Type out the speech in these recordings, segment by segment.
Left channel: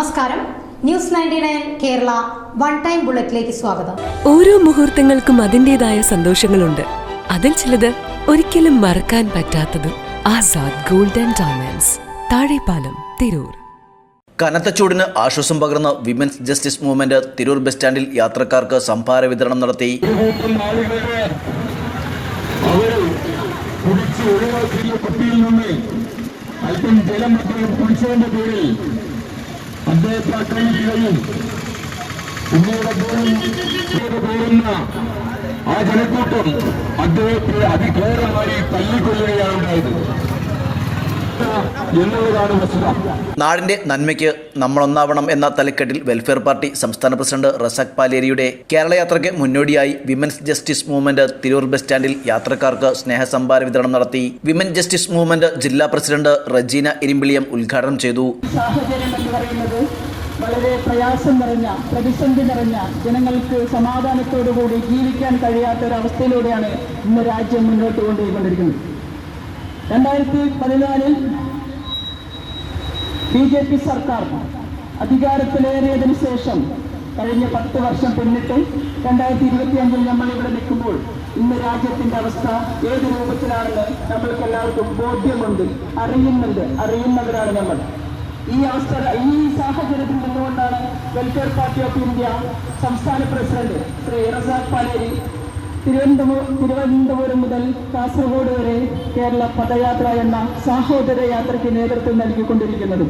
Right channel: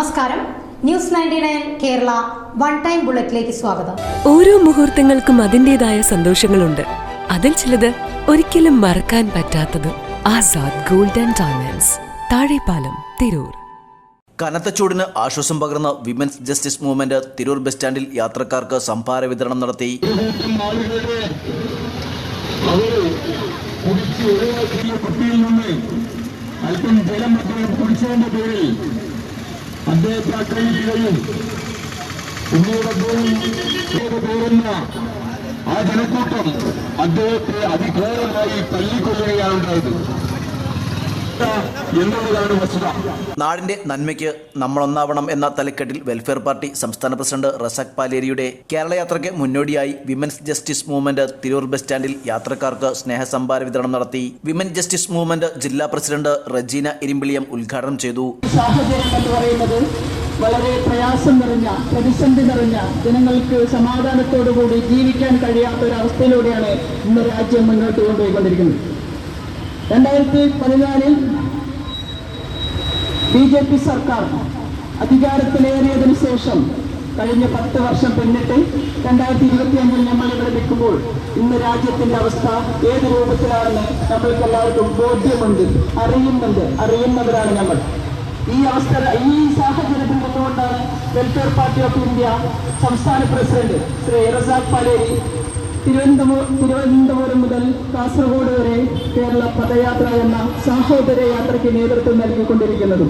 നമസ്കാരം. News 99 Kerala one time ബുള്ളറ്റിലേക്ക് സ്വാഗതം. ഓരോ മുഹൂർത്തങ്ങൾക്കും അതിന്റേതായ സന്തോഷങ്ങളുണ്ട്. അതിൽ ചിലത് ഒരിക്കലും മറക്കാൻ പറ്റാത്തതും. Azad gold and diamonds, Thazhepalam, Tirur. കനത്ത ചൂടിന് ആശ്വാസം പകർന്ന women's justice movement Tirur bus സ്റ്റാൻഡിൽ യാത്രക്കാർക്ക് സംഭാര വിതരണം നടത്തി. അല്പം ജലം കുടിച്ചതിന്റെ പേരിൽ അദ്ദേഹത്തെ ആക്രമിക്കുകയും പിന്നീട് പേരുന്ന ആ ജനക്കൂട്ടം അദ്ദേഹത്തെ അതിഘോരമായി തല്ലിക്കൊല്ലുകയാണ് ഉണ്ടായത് എന്നുള്ളതാണ് വസ്തുത. നാടിന്റെ നന്മയ്ക്ക് നമ്മളൊന്നാവണം എന്ന തലക്കെട്ടിൽ വെൽഫെയർ പാർട്ടി സംസ്ഥാന പ്രസിഡന്റ് റസാഖ് പാലേരിയുടെ കേരള യാത്രയ്ക്ക് മുന്നോടിയായി women's justice movement Tirur bus സ്റ്റാൻഡിൽ യാത്രക്കാർക്ക് സ്നേഹസമ്ഭാര വിതരണം നടത്തി. വിമൻ ജസ്റ്റിസ് മൂവ്മെന്റ് ജില്ലാ പ്രസിഡന്റ് റജീന ഇരിമ്പിളിയം ഉദ്ഘാടനം ചെയ്തു. സാഹചര്യം എന്ന് പറയുന്നത് വളരെ പ്രയാസം നിറഞ്ഞ, പ്രതിസന്ധി നിറഞ്ഞ, ജനങ്ങൾക്ക് സമാധാനത്തോടുകൂടി ജീവിക്കാൻ കഴിയാത്ത ഒരവസ്ഥയിലൂടെയാണ് ഇന്ന് രാജ്യം മുന്നോട്ട് കൊണ്ടുപോയിക്കൊണ്ടിരിക്കുന്നത്. 2014 BJP സർക്കാർ അധികാരത്തിലേറിയതിനു ശേഷം കഴിഞ്ഞ 10 വർഷം പിന്നിട്ട് 2025 നമ്മൾ ഇവിടെ നിൽക്കുമ്പോൾ ഇന്ന് രാജ്യത്തിന്റെ അവസ്ഥ ഏത് രൂപത്തിലാണെന്ന് നമ്മൾക്ക് എല്ലാവർക്കും ബോധ്യമുണ്ട്, അറിയുന്നവരാണ് നമ്മൾ. ഈ സാഹചര്യത്തിൽ നിന്നുകൊണ്ടാണ് വെൽഫെയർ പാർട്ടി ഓഫ് ഇന്ത്യ സംസ്ഥാന പ്രസിഡന്റ് ശ്രീ റസാഖ് പാലേരി തിരുവനന്തപുരം മുതൽ കാസർഗോഡ് വരെ കേരള പദയാത്ര എന്ന സാഹോദര്യ യാത്രയ്ക്ക് നേതൃത്വം നൽകിക്കൊണ്ടിരിക്കുന്നത്.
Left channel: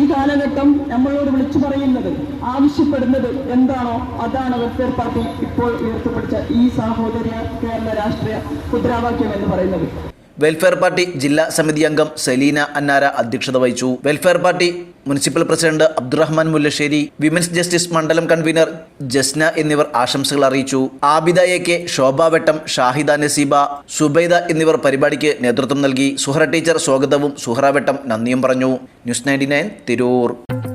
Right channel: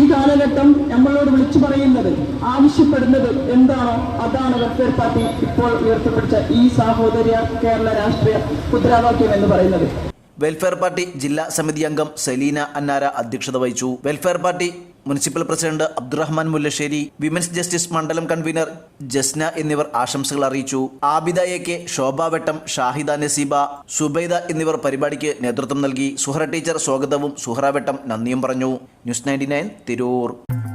ഈ കാലഘട്ടം നമ്മളോട് വിളിച്ചു പറയുന്നത്, ആവശ്യപ്പെടുന്നത് എന്താണോ അതാണ് വെൽഫെയർ പാർട്ടി ഇപ്പോൾ ഉയർത്തിപ്പിടിച്ച ഈ സാഹോദര്യ കേരള രാഷ്ട്രീയ മുദ്രാവാക്യം എന്ന് പറയുന്നത്. വെൽഫെയർ പാർട്ടി ജില്ലാ സമിതി അംഗം സലീന അന്നാര അധ്യക്ഷത വഹിച്ചു. Welfare party municipal president Abdurahman Mullassery, women's justice മണ്ഡലം കൺവീനർ ജസ്ന എന്നിവർ ആശംസകൾ അറിയിച്ചു. ആബിദ എ.കെ, ശോഭ വെട്ടം, ഷാഹിദ നസീബ, സുബൈദ എന്നിവർ പരിപാടിക്ക് നേതൃത്വം നൽകി. സുഹറ ടീച്ചർ സ്വാഗതവും സുഹറ വെട്ടം നന്ദിയും പറഞ്ഞു. ന്യൂസ് 99 തിരൂർ.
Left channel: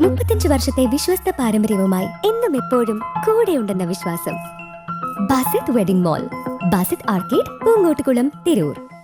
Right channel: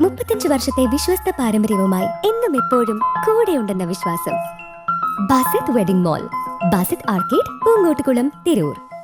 35 വർഷത്തെ വിശ്വസ്ത പാരമ്പര്യവുമായി എന്നും എപ്പോഴും കൂടെയുണ്ടെന്ന വിശ്വാസം. Basith wedding mall, Basith arcade, Poongottukulam, Tirur.